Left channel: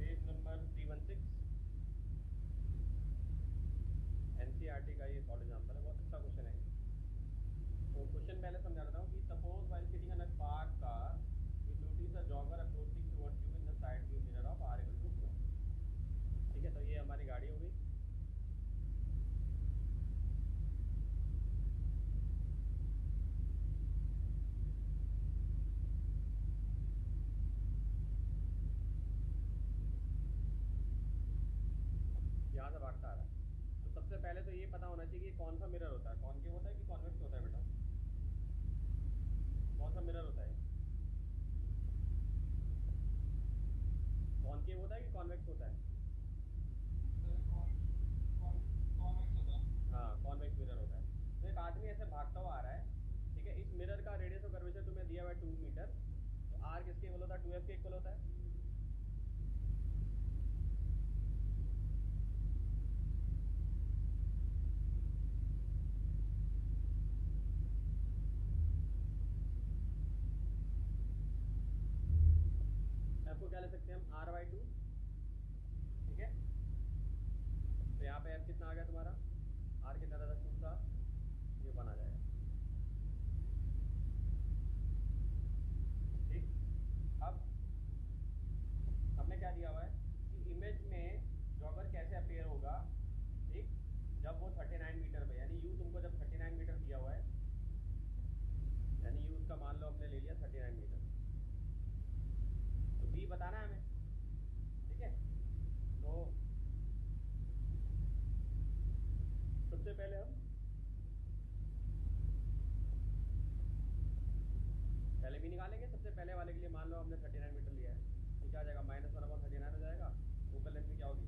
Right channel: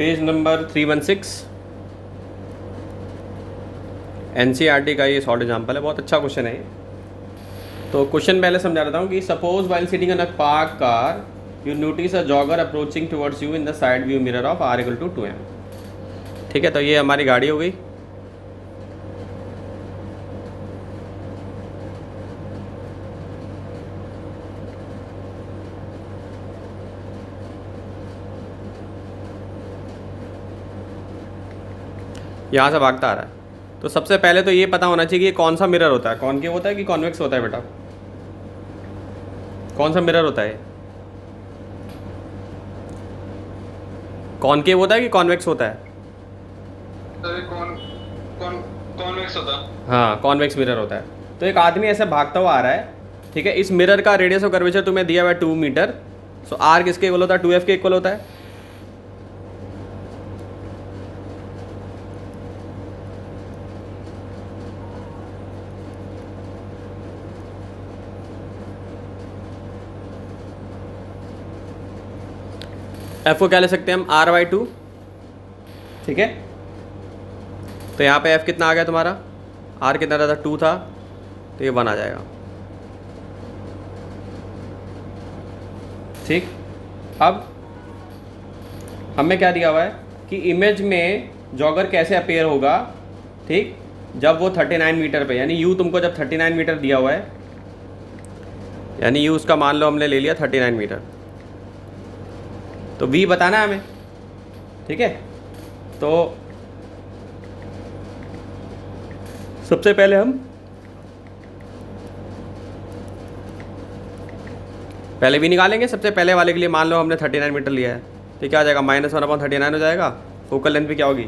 Page number 316 NCERT का ये short example है, बहुत अच्छा क्वेश्चन है ये। तो क्वेश्चन पहले समझा देता हूँ कि suppose while sitting in a park car you notice a jogger approaching towards you in the side view mirror of R = 2m। ठीक है, तो ये हमारी गाड़ी हो गई। यहाँ से भागता आ रहा है। तो सबसे पहले तो ये पता होना चाहिए कि ये कौन सा मिरर होता है, कॉनकेव होता है कि कॉन्वेक्स होता है बेटा? कौन सा मिरर होता है? कॉनकेव होता है कि कॉन्वेक्स होता है? कॉन्वेक्स होता है। हाँ, कॉन्वेक्स मिरर होता है। तो एक आदमी ऐसे भागता हुआ आ रहा है, ठीक है। इस मिरर का रेडियस ऑफ कर्वेचर तुम्हें दिया हुआ है 2 मीटर। सो R किसके इक्वल होता है? 2F के इक्वल होता है। F को क्या ले सकते हैं हम? R/2, ठीक है। तो यहाँ पे F कितना आ गया तुम्हारा? R कितना था? 2 था, तो ये 1 आ जाएगा। ठीक। अब हमें क्या दिया हुआ है कि इमेज में जॉगर कैसे अपीयर होगा, ठीक, जब वो 39 मीटर पे, यानी U तुमको जब 39 मीटर दिया हुआ है, यानी U उसका मान लो हमने ले लिया 39 मीटर, तो V बताना है हमें, ठीक है। तो सबसे पहले हम पहले V निकालेंगे। सबसे पहले वाले के लिए मान लो हमने 39 मीटर लिया है, तो क्या आ जाएगा? -1/39 हो जाएगा। फोकल लेंथ भी क्या होगी?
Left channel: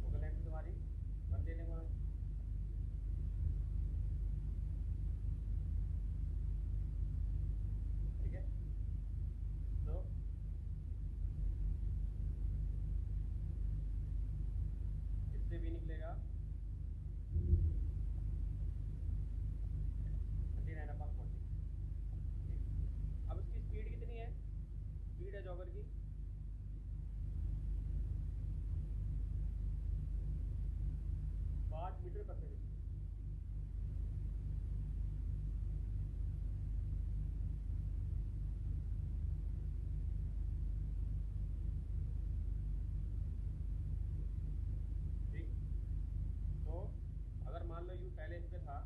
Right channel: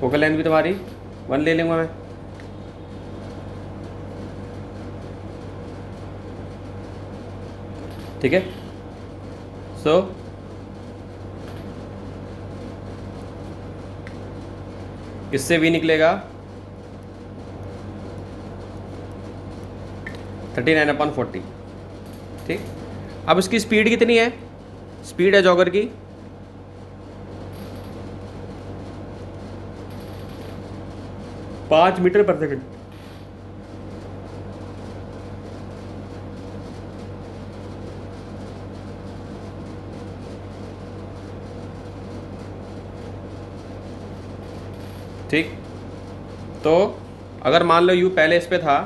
फोकल लेंथ भी तुम्हारी 1 ले लूँगा मैं, ठीक है। सो इससे V निकलेगा 39/40, ठीक। अब इसकी स्पीड कितनी है? स्पीड है जॉगर की 5 मीटर पर सेकंड। ठीक। तो अगर मान लो U पहले इस पे था,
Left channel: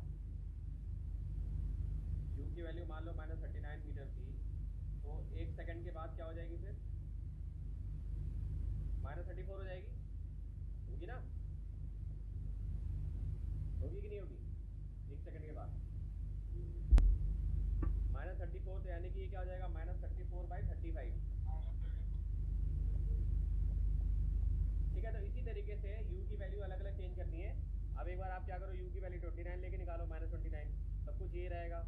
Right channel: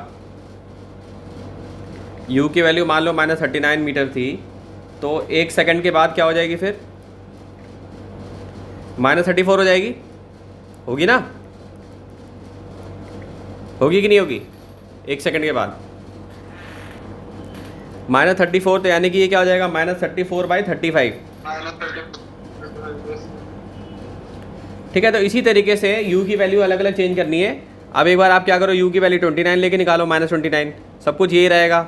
U की वैल्यू मान लो -39 मीटर थी, तो 1 सेकंड के बाद क्या हो जाएगी? फिर -34 हो जाएगी, होगी ना? होगी कि नहीं होगी? 1 सेकंड के बाद -34, तो यानी कि ये क्या हो जाएगा? -34/35। ठीक है। तो इसी तरीके से U की वैल्यू अलग अलग चेंज करनी है। अब एक बार आप क्या करो, U की वैल्यू 29 लेके निकालो, -29, सब कुछ यही रहेगा।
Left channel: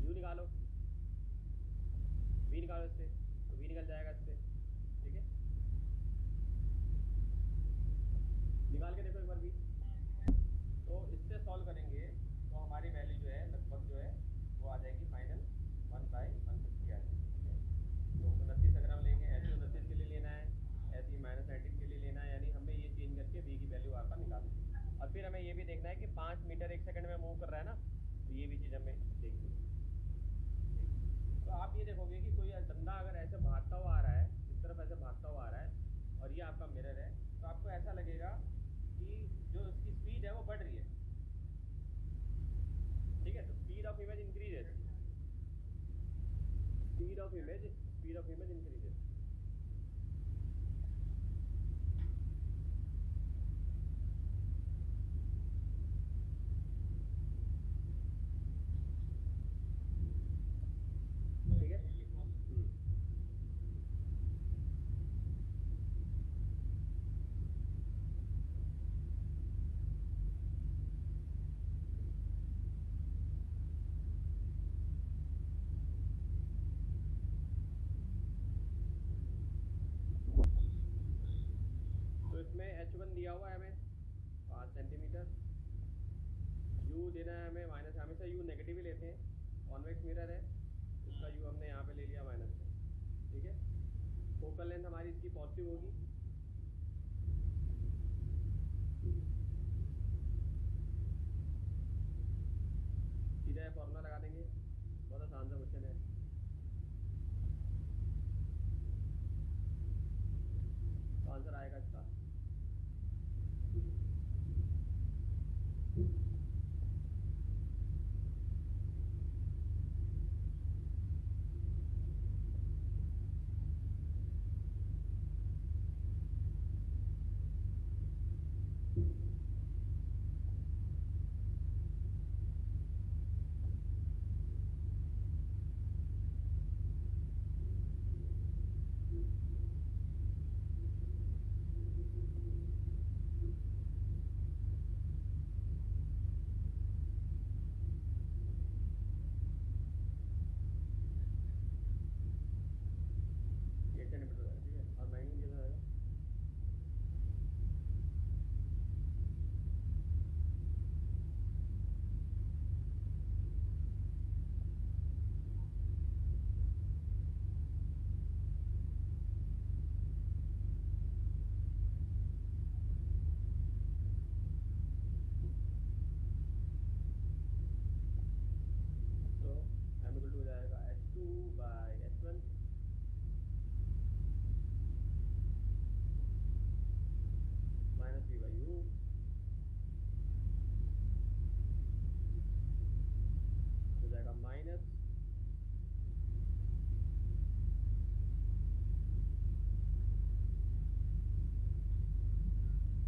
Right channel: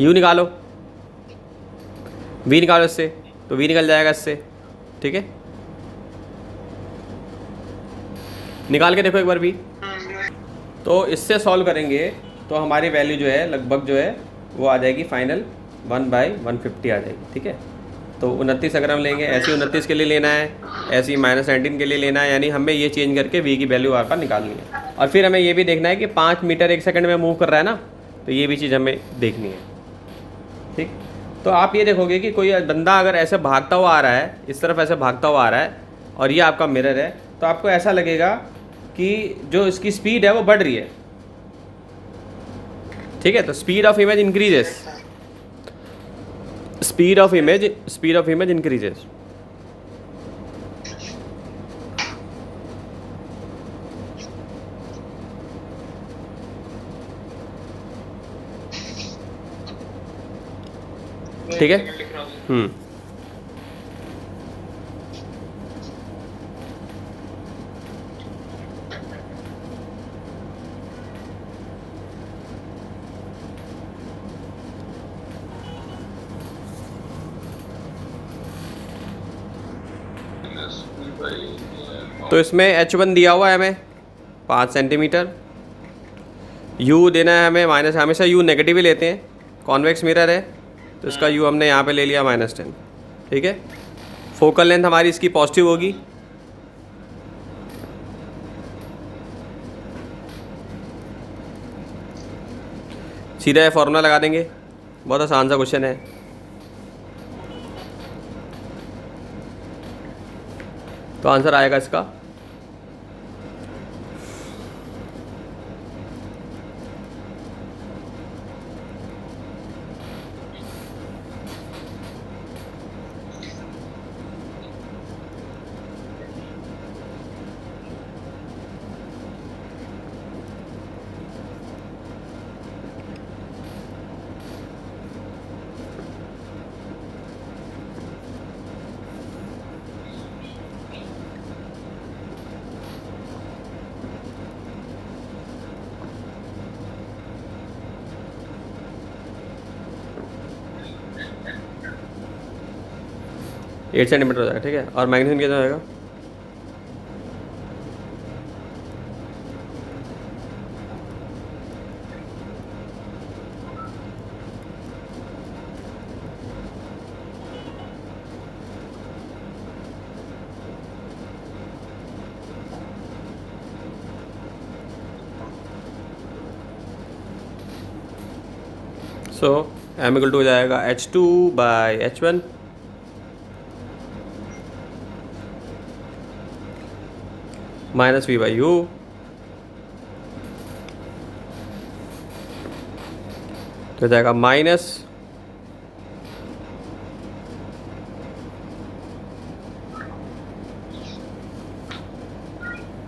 U निकालो, V निकालो इससे, तो V निकल जाएगा इससे, ठीक है। निकाल के देखो एक बार V। तो इससे सॉल्व करेंगे तो हमारी वैल्यू जो है लगभग जो है वो आ जाएगी फाइनल 1/150 आ जाएगी, ठीक है। तो 29 अगर हम लेंगे, ऐसी 29 के लिए लेना है, ऐसी -19 के लिए लेना है, यानी हमें ये चेंज करके V की वैल्यू आर पार निकालनी है। और फिर हमें ये भी देखना है कि 5 मीटर 1 सेकंड में मूव कर रहा है ना, तो ये भी चीज़ हमें देखनी है, ठीक। तो आप ये देखोगे कि कोई बंदा अगर ऐसे भागता हुआ आ रहा है, इस तरफ ऐसे भागता हुआ आ रहा है, और ये आपका मिरर है, तो आपको ऐसा लगेगा कि जो इसकी स्पीड है वो बढ़ रही है, ठीक है। तो speed of image increases, speed of image increases. ठीक है। तो इसमें H1 दिया हुआ है हमें 5 सेंटीमीटर, U देना है हमें हमेशा U नेगेटिव ही लेते हैं, कॉन्वेक्स मिरर है, तो इसका u हमने यहाँ पे ले लिया -10, ठीक है। फोकल लेंथ हमारी इसकी पॉजिटिव होगी, सीधा ये फॉर्मूला लगा देंगे, बहुत आसान सा क्वेश्चन है। तो आंसर आएगा इसका एट सेंटीमीटर हो जाएगा, ठीक है। और मैग्नीशियम कितना हो जाएगा? सो m इक्वल टू हो जाएगा H2/H1 -V/U तो हो जाएगा माइनस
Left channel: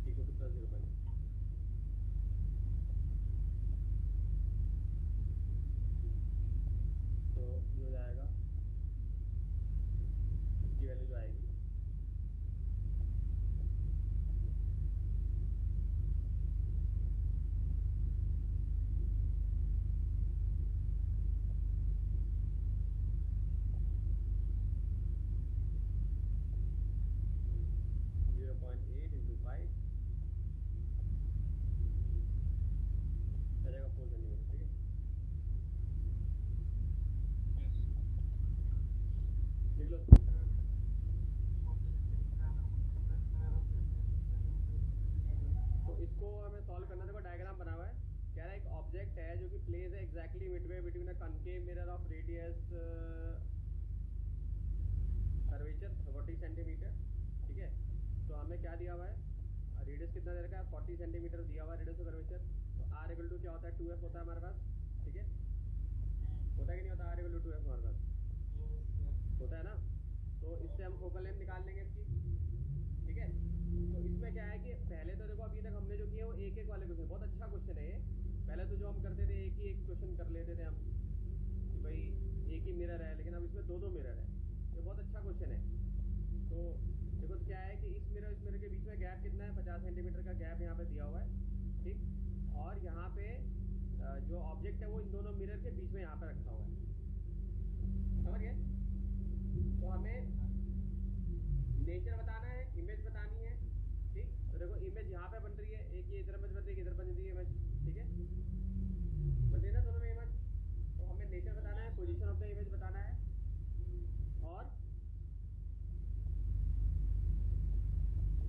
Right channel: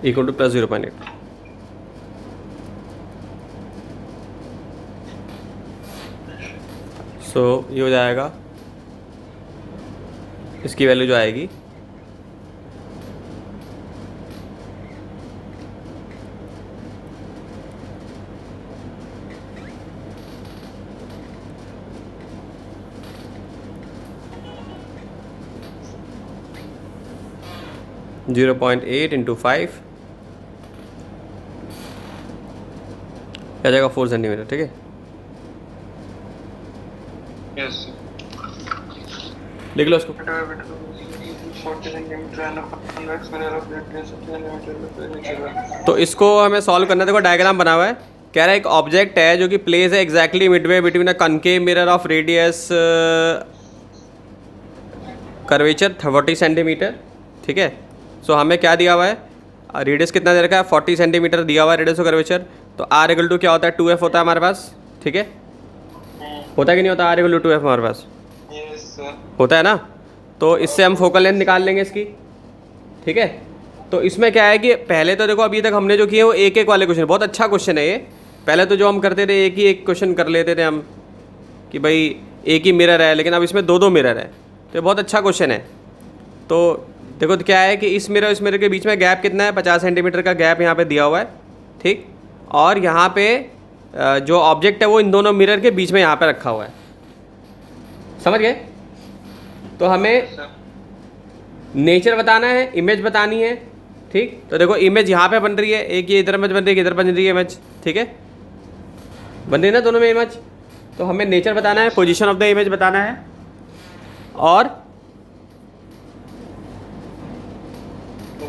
इक्वल टू प्लस 0.8। सो ये हो जाएगा, इसकी वैल्यू जो आएगी (0.8 × 5) आ जाएगा 4 सेंटीमीटर, ठीक है। यस लिख लो उसको। 40 centimetre and convex mirror of radius 60 centimetre. तो इसको हमें सॉल्व करना है। देखो डायग्राम बना हुआ है, कह रहा है एक ऑब्जेक्ट है जो कि प्लेस है exactly Midway between a concave mirror of radius curvature 40 centimetre, ठीक है। सो हमें क्या दिया हुआ है, रेडियस कितना दे रखा है, 40 सेंटीमीटर दिया हुआ है रेडियस ऑफ कर्वेचर। तो R इक्वल टू क्या होता है, 2F होता है हमारे पास, ठीक है। होता है कि नहीं होता, R इक्वल टू 2F हमारे पास यस सर होता है ना। तो इससे हम फोकल लेंथ निकाल लेंगे इसकी, ठीक है। तो इसमें क्या है कि पहले तो देखो अभी तक हमने जो किए वो एक एक वाले क्वेश्चन, बहुत अच्छा क्वेश्चन है ये। पहले तो जो हम करते थे एक ही एक क्वेश्चन कर लेते थे हम कि भाई एक ही मिरर है, लेकिन अब इसमें दो दो मिरर है, तो ये बहुत अच्छा क्वेश्चन है। तो देखो तो क्या है कि इस मिरर के बीच में गैप कितना है, 50 सेंटीमीटर का गैप यहाँ पे दिया हुआ है, ठीक। और यहाँ पे जो ऑब्जेक्ट है वो इन दोनों मिरर के बीच में यहाँ पे रखा हुआ है, समझ गए। तो हमें नेचर बताना है, इमेज बतानी है, ठीक। तो देखो इमेज यहाँ पे बन रही है, एक ये इधर इमेज बन रही है, इधर बन रही है इमेज, ठीक है, बन रही है ना दोनों में इमेज। तो हमें नेचर बताना है, पोजीशन ऑफ द इमेज बताना है, और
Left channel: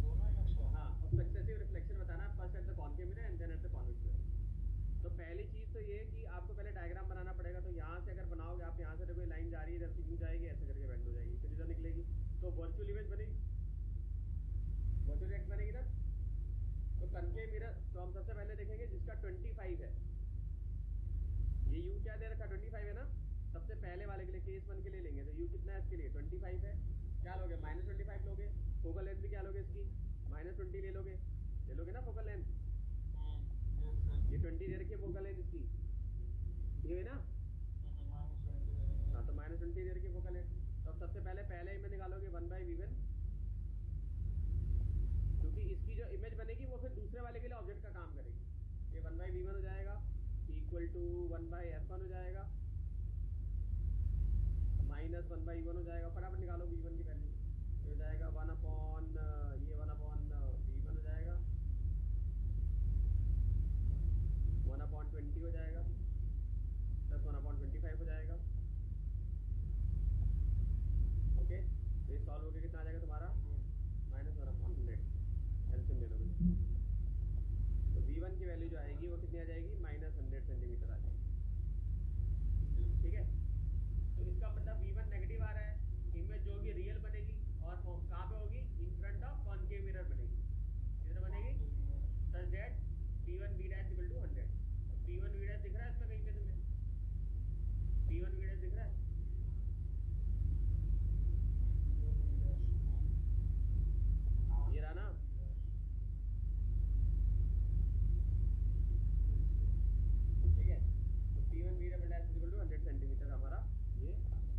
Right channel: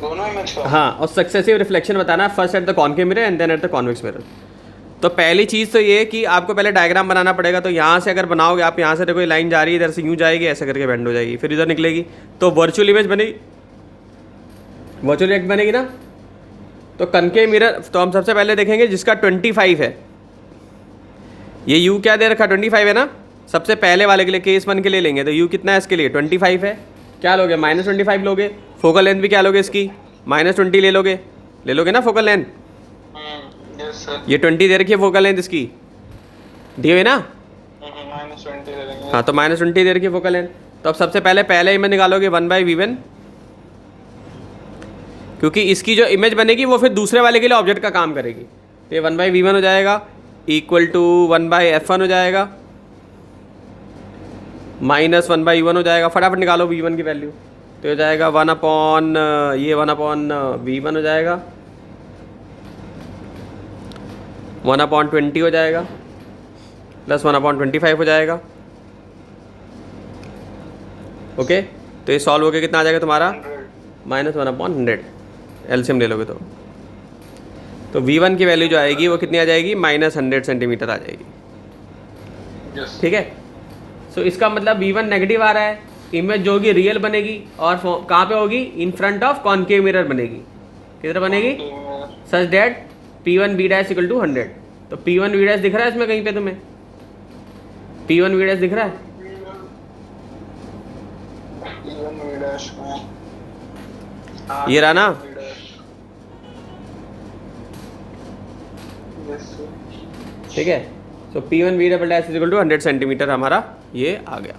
दोनों इमेज का हाँ, और सक्सेसिव रिफ्लेक्शन बताना है, first at the concave mirror and then at the convex mirror. तो पहली चीज़ तो ये कि आपको पहले डायग्राम बनाना पड़ेगा। तो यहाँ से अगर बनाओगे आप, यहाँ से देखो ये लाइन जा रही है, इधर से यूँ जाएगी, ऐसे करके बेंड हो जाएगी, फिर इधर निकलेगी, तो वर्चुअल इमेज बनेगी, वर्चुअल इमेज बनेगी ना। तो कनकेव मिरर तो हम सबसे पहले देखेंगे जिसका 25 है, ये यू क्या दे रखा, 25 है ना। सबसे पहले वाले के लिए, केस 1 के लिए लेंगे, तो यू कितना है इसके लिए, 25 है। क्या लोगे, -25 लोगे। फोकल लेंथ भी क्या लोगे इसकी, -20 ले लोगे ना फोकल लेंथ। यस सर ये 20 दे रखी है फोकल लेंथ इसकी, दी हुई ना। -20 ले लेंगे। हाँ, तो -20 दे रखी है फोकल लेंथ। तो अब सबसे पहले इमेज निकालोगे 1/V1, क्योंकि इसकी जो इमेज बनेगी वो फिर दूसरे वाले के लिए ऑब्जेक्ट का काम करेगी। तो ये 1/V1 हो जाएगा, इक्वल टू 1/F1 हो जाएगा, -1/U1 हो जाएगा। फटाफट निकालो V1 की वैल्यू, तो हो जाएगा 1/V1 हो जाएगा, 1/20 हो जाएगा, प्लस 1/25 हो जाएगा, ओके, तो ये सॉल्व होकर कितना आ जाएगा तुम्हारा 100 -1/100, एलसीएम ले लोगे तो V1 की वैल्यू जो आएगी वो कितनी आ जाएगी -100 सेंटीमीटर आ जाएगी। यस ठीक है, सो इसका मतलब V1 नेगेटिव आ रहा है, इमेज जो होगी रियल बनेगी और कहाँ पे होगी, in front of concave mirror बनेगी। किधर बनेगी, such that P1V' equal to 100। तो P1V' दिख रहा है इसमें कहीं पे तुम्हें, P1V' दिख रहा है, ये रहा ना। ठीक है, सो P1V' इक्वल टू 100 सेंटीमीटर हमारा ये आ गया।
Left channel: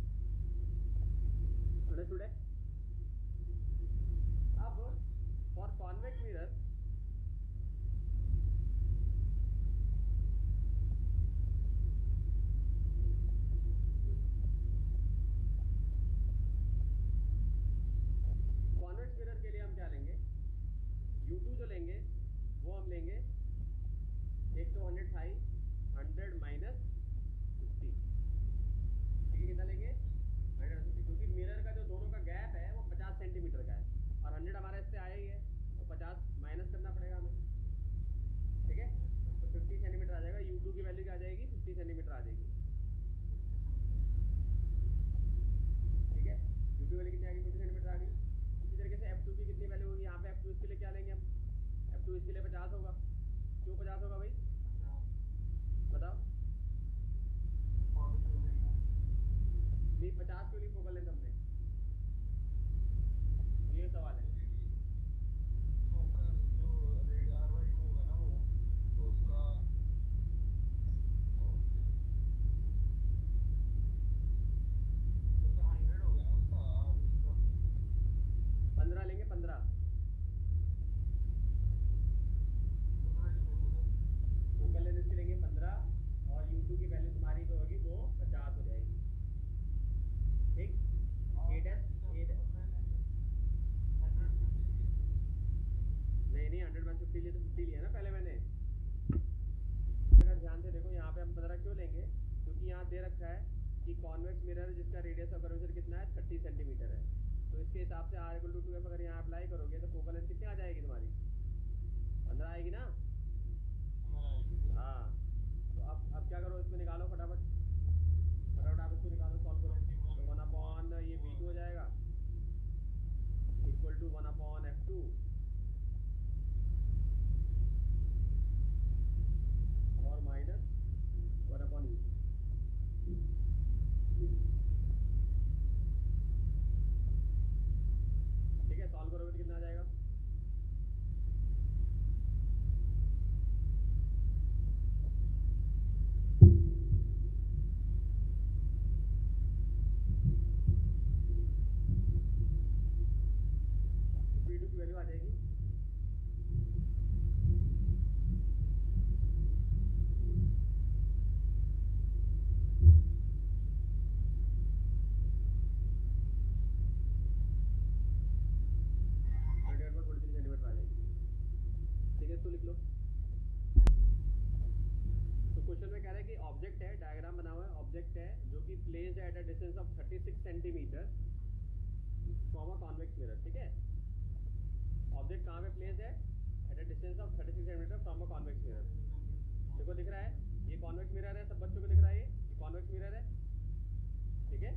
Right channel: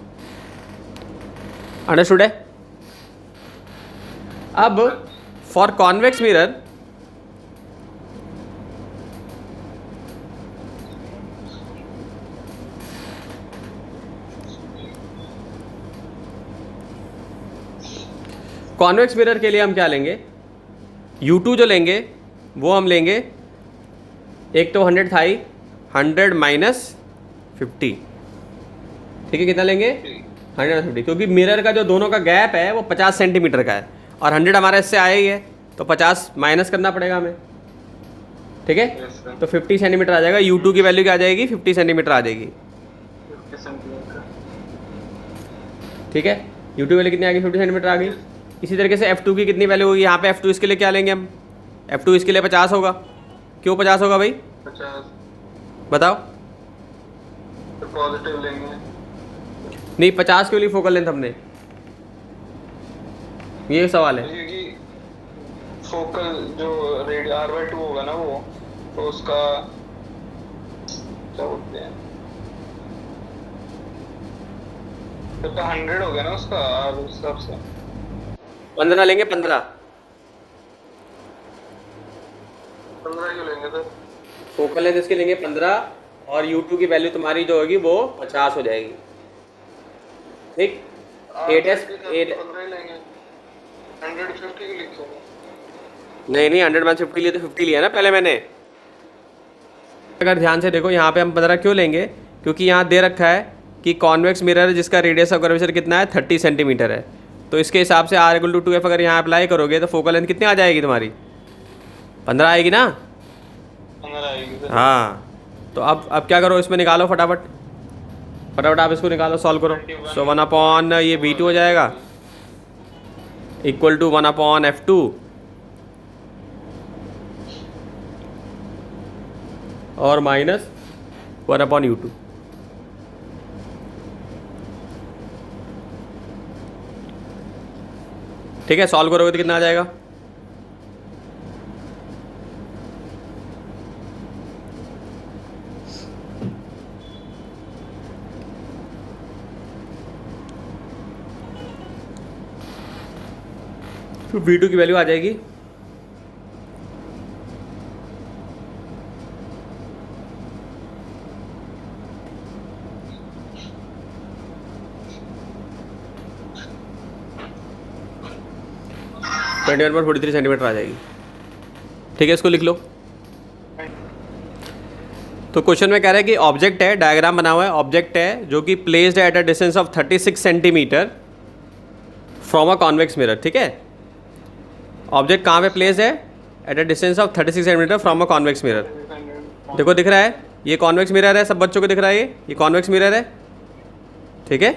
अंडरस्टूड है। अब for convex mirror convex mirror के लिए हम क्या लेंगे, U2 जो लेंगे वो हम लेंगे, एक तो 100 था ही, 100 - 50। ठीक है, कितना लेंगे 150, क्योंकि मिरर का जो दोनों का गैप है वो 50 सेंटीमीटर का है और 100 हमारा इससे आया ही है, तो 50 माइनस करना पड़ेगा हमें। ठीक है, तो 50 सेंटीमीटर आ जाएगा। U2 की वैल्यू क्या आ जाएगी, 50 सेंटीमीटर आ जाएगी। ठीक है, U2 वैल्यू कितनी आ गई, 50 सेंटीमीटर आ गई। इसी तरीके से F2 की कितनी वैल्यू होगी, यहाँ पे F2 इसके लिए क्या लेंगे हम, F2 इसके लिए 50 होगा। क्यों 50 होगा भाई, 50 बताओ। तो पॉजिटिव लेंगे, नहीं 50 क्यों ली फोकल लेंथ हमने, ये सवाल है। क्योंकि फोकल जो रेड R/2 होगा ना वो, तो उसका क्या बोलते हैं, तो 100 हो गया ना उसका, और उस हिसाब से 15 लेंगे, 15 क्यों लेंगे सर? फोकल लेंथ इसके लेंगे 15 और U2 की वैल्यू तुम्हारी जो होगी वो 50 हो जाएगी। ठीक, 8s 15 ही लेंगे, 150 क्यों लिखे? नहीं 100 - 50 लिए तो 50 लिया ना पहले मैंने। अगर ध्यान से देखो यहाँ पे हम 15 क्यों लेंगे, क्योंकि यहाँ दे रखा है कि कॉन्वेक्स मिरर जिसका रेडियस ऑफ कर्वेचर कितना है 30 सेंटीमीटर है, तो इसके हिसाब से R = 2F अगर यहाँ अप्लाई करोगे तो फोकल लेंथ कितनी आ जाएगी तुम्हारी, 15 आएगी ना। 15 आएगी सर। हाँ, तो अब क्या करो, इसमें निकालो फटाफट आप इसको निकालो, सॉल्व करो। सो 1/, ये V2 हो जाएगा इक्वल टू 1/F2 और -1/U2। ठीक है, सॉल्व करोगे तो कितना आ जाएगा, तो V2 की वैल्यू आ जाएगी (21.43 सेंटीमीटर) आ जाएगी। ठीक है, इसको लिख लो। तो क्वेश्चन में कह रहा है कि ऑब्जेक्ट है, डायग्राम बना हुआ है, ऑब्जेक्ट है जो कि placed at a distance of 36 centimetre from a convex mirror. ठीक है, ऑब्जेक्ट कहाँ पे प्लेस्ड है, at a distance of 36 centimetre from a convex mirror. देखो दिख रहा है, ये कॉन्वेक्स मिरर है, सब बच्चों को दिख रहा है, ये कॉन्वेक्स मिरर है। ठीक है,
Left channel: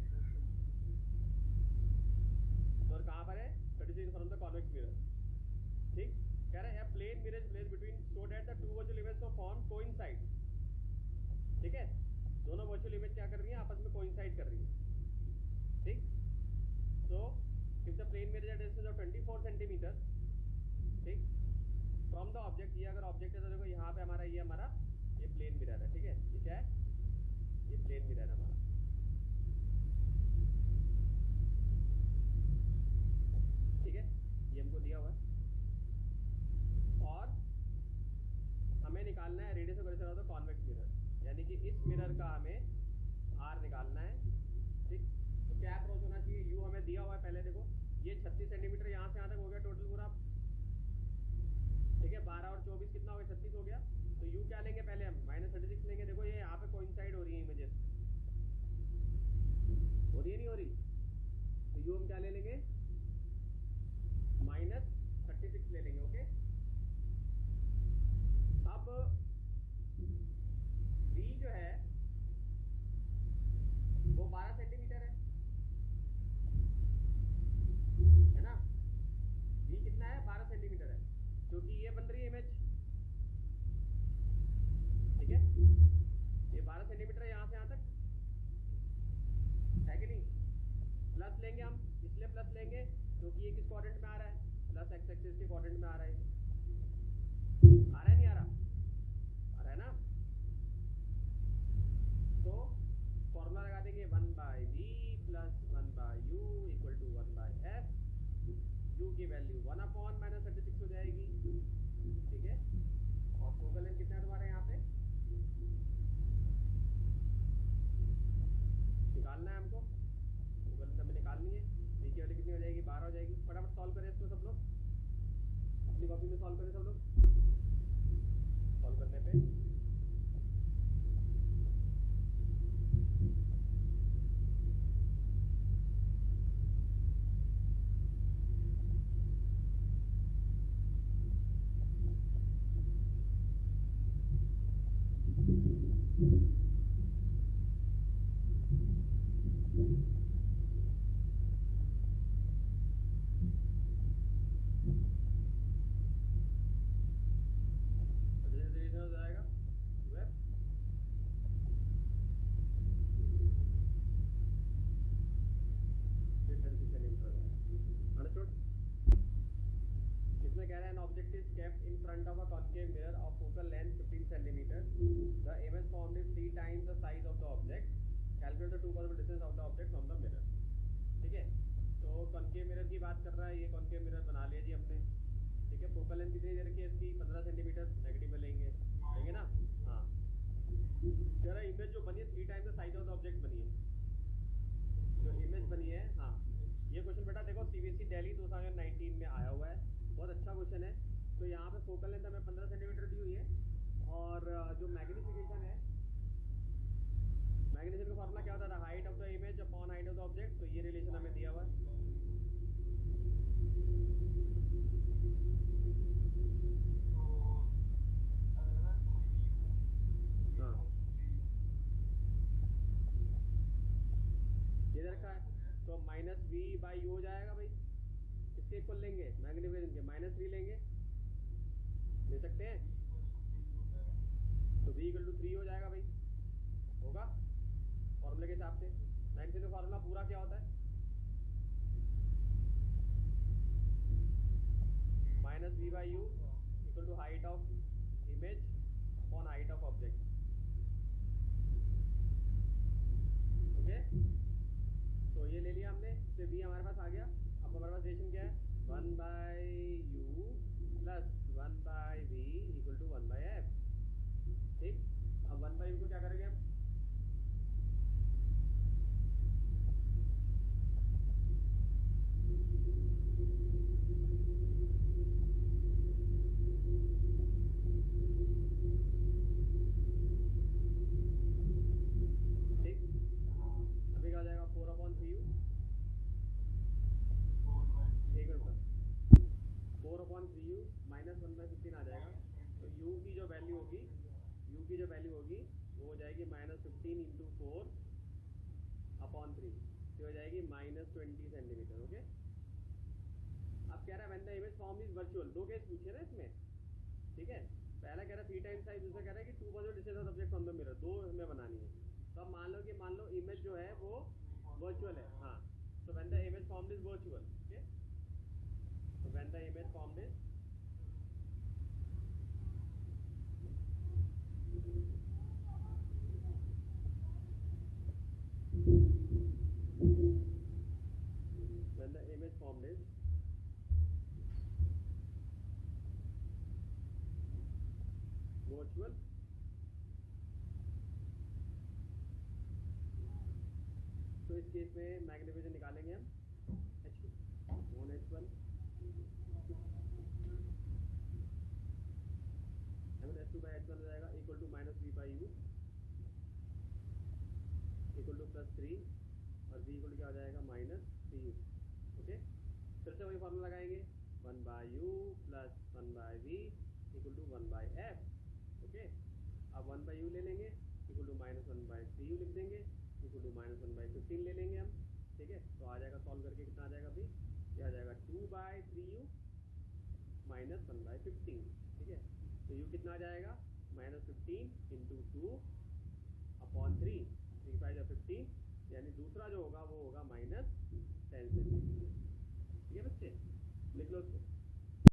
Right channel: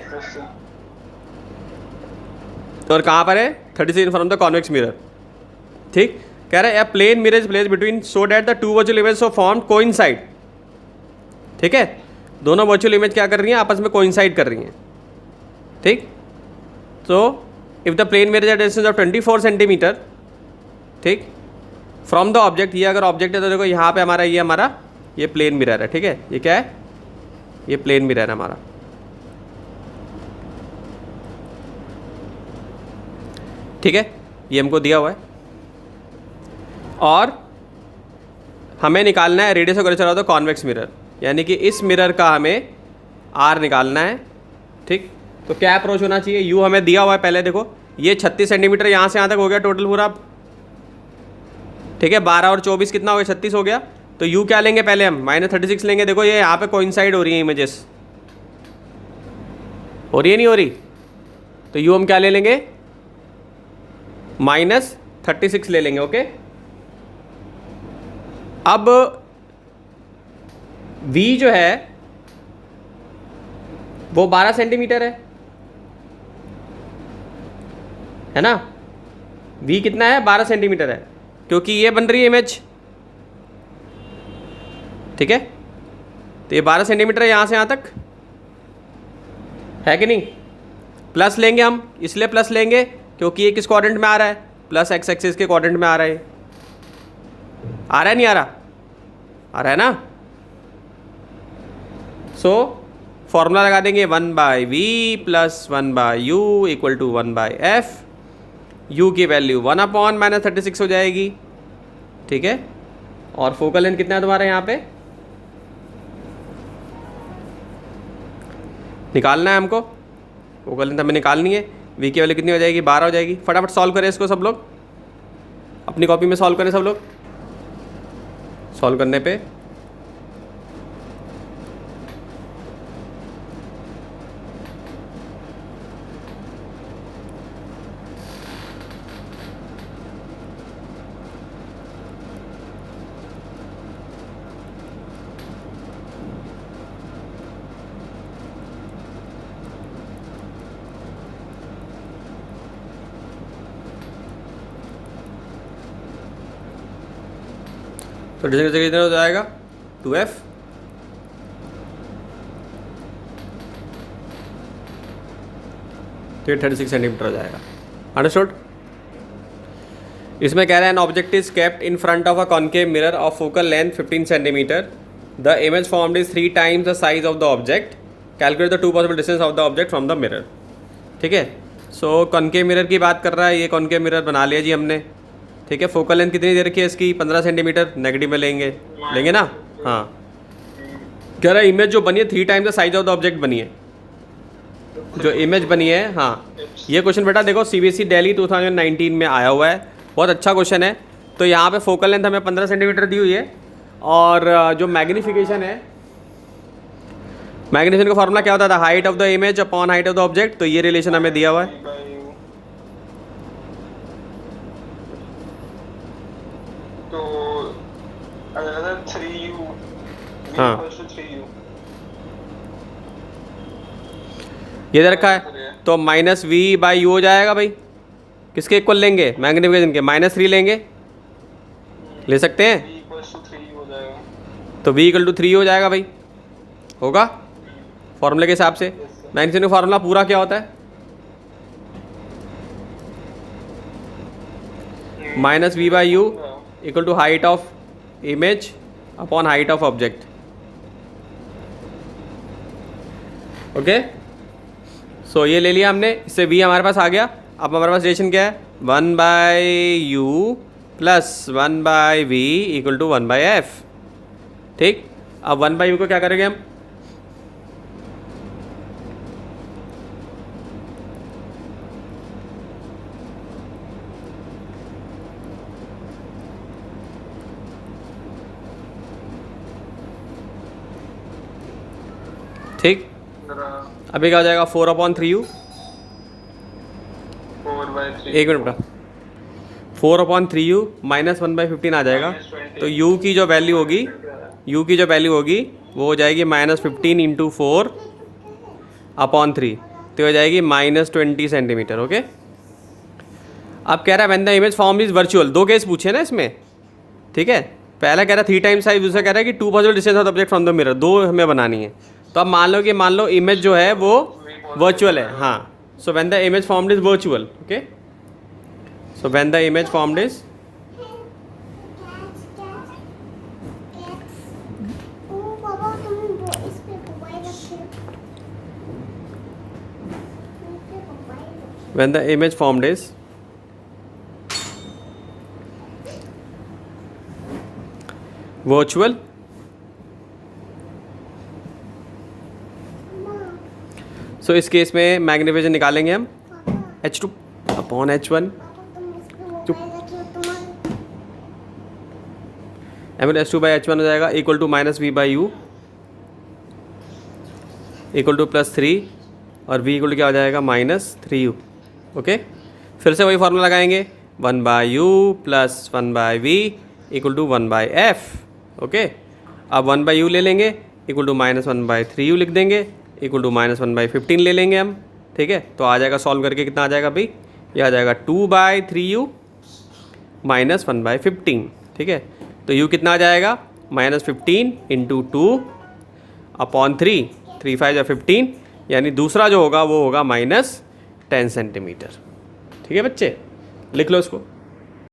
तो और कहाँ पर है, 36 फ्रॉम द कॉन्वेक्स मिरर। ठीक, कह रहा है a plane mirror is placed between so that the two virtual image so formed coincide. ठीक है, दोनों वर्चुअल इमेज क्या कर रही हैं, आपस में कोइंसाइड कर रही हैं। ठीक, तो if the plane mirror at distance of 24 centimetre, ठीक, फ्रॉम द ऑब्जेक्ट, ये अगर ऑब्जेक्ट है तो देखो यहाँ पे हमारा ये प्लेन मिरर है। ठीक है, ये क्या है, ये प्लेन मिरर है हमारा। ठीक है, ये हमको दिया हुआ है और हमें निकालना है radius of curvature of the convex mirror, यानी कि इस मिरर का हमें R निकालना है। ठीक, तो क्या अप्रोच होना चाहिए, U हमें दिया हुआ है पहले, देखो ये 36 सेंटीमीटर यहाँ से यहाँ तक हो गया टोटल पूरा। ठीक है, 12 और 24 कितना हो गया, 36 हो गया। तो U क्या लेंगे पहले हम, -36 लेंगे। देखो ये यहाँ पे कोइंसाइड हो रही है, इमेजेस हो रही है नहीं हो रही, तो यू हम क्या ले लेंगे, -36 ले लेंगे। ओके, अब v जो है वो 12 सेंटीमीटर है ना। v कितना है, 12 सेंटीमीटर है, क्योंकि ये बन रही है इमेज, ठीक है। तो ये 12 सेंटीमीटर है यहाँ से यहाँ तक, है कि नहीं। प्लस लेंगे हम, इसलिए प्लस लेंगे क्योंकि ये किस क्वाड्रेंट में आ रहा है, प्लस एक्स एक्सिस के क्वाड्रेंट में आ रहा है। आ रहा है नहीं आ रहा, आ रहा है ना। सो फॉर्मूला लगा देंगे 1/v plus 1/u equal to 1/f। u की वैल्यू 1/-36 हो जाएगी, ठीक है। और फोकल लेंथ कितना है तुम्हारा यहाँ पे, निकालना है हमको, फोकल लेंथ हमें निकालनी है। v की वैल्यू कितनी हो जाएगी, 12 हो जाएगी। फटाफट सॉल्व करें इसको सब लोग, अपनी कॉपी में सॉल्व करें सब लोग। सॉल्व करने पे तो डिस्टेंस कितना हो जाएगा, 2f। तो 36 सेंटीमीटर हो जाएगा। अंडरस्टूड। इसमें कह रहा है an object is kept in front of a concave mirror of focal length 15 centimetre. The image formed is 3 times the size of the object. Calculate the 2 possible distance of the object from the mirror. ठीक है, सो concave mirror की बात कर रहा है, ये concave mirror बना लिया जी हमने, ठीक है। फोकल लेंथ कितनी दे रखी है इसकी, 15 सेंटीमीटर, नेगेटिव में लेंगे ना। हाँ, कह रहा है इमेज जो बनी है 3 times the size of the object बनी है, जो इमेज बनी है। हाँ, ये क्वेश्चन बेटा देखो CBSE दिल्ली 2019 में आया हुआ है, बहुत अच्छा क्वेश्चन है। तो यहाँ पे फोकल लेंथ हमें 15 सेंटीमीटर दी हुई है, और जो मैग्नीफिकेशन है, मैग्नीफिकेशन का फॉर्मूला क्या होता था, height of the image upon height of the object. तो ये रिलेशन हमें दिया हुआ है। हाँ, ये दे रखा है, तो -v/u हो जाएगा भाई। किसके इक्वल लेंगे, मैग्नीफिकेशन के, -3 लेंगे, ले सकते हैं। तो v = 3 हो जाएगा भाई, होगा फॉर्मूले के हिसाब से। मैग्नीफिकेशन का फॉर्मूला पूरा क्या होता है, -v/u equal to height of image upon height of object. Okay, so ये ले लिया हमने, इससे v हमारे पास आ गया। अब हमारे पास रिलेशन क्या है, 1/u plus 1/v equal to 1/f। ठीक, अब 1/u को क्या करेंगे हम, ठीक। अभी क्या हो जाएगा, 4/3u, 1 मिनट बेटा, 4/3u माइनस 1/15 आ जाएगा। तो u की जो वैल्यू होगी, वो हो जाएगी -15 × 4/3, तो हो जाएगी -20 सेंटीमीटर। ओके, अब कह रहा है when the image form is virtual. 2 case पूछे ना इसमें, ठीक है। पहला कह रहा है 3 times साइज, दूसरा कह रहा है कि 2 possible distance of object from the mirror. 2 हमें बनानी है। तो अब मान लो इमेज जो है वो वर्चुअल है। हाँ, so when the image formed is virtual. Okay, so when the image formed is when the image formed is virtual, सो इस केस में मैग्नीफिकेशन निकालेंगे हम h2 अपॉन h1। h2/h1 हो जाएगा equal to -v/u equal to +3 और v equal क्या हो जाएगा -3u। ओके, फिर से वही फार्मूला लगाएंगे 1/u plus 1/v equal to 1/f। Okay, अब 1/u ले लेंगे इक्वल टू -1/3u लिख देंगे इक्वल टू -1/15 ले लेंगे हम। ठीक है, तो आ जाएगा सॉल्व करके कितना आ जाएगा भाई, ये आ जाएगा 2/3u -1/15। ठीक है, तो u कितना आ जाएगा -15 इंटू 2/3, 3 5 या 15, यानी दूसरा जो होगा वो होगा -10 सेंटीमीटर। ठीक है बच्चे, लिख लो इसको।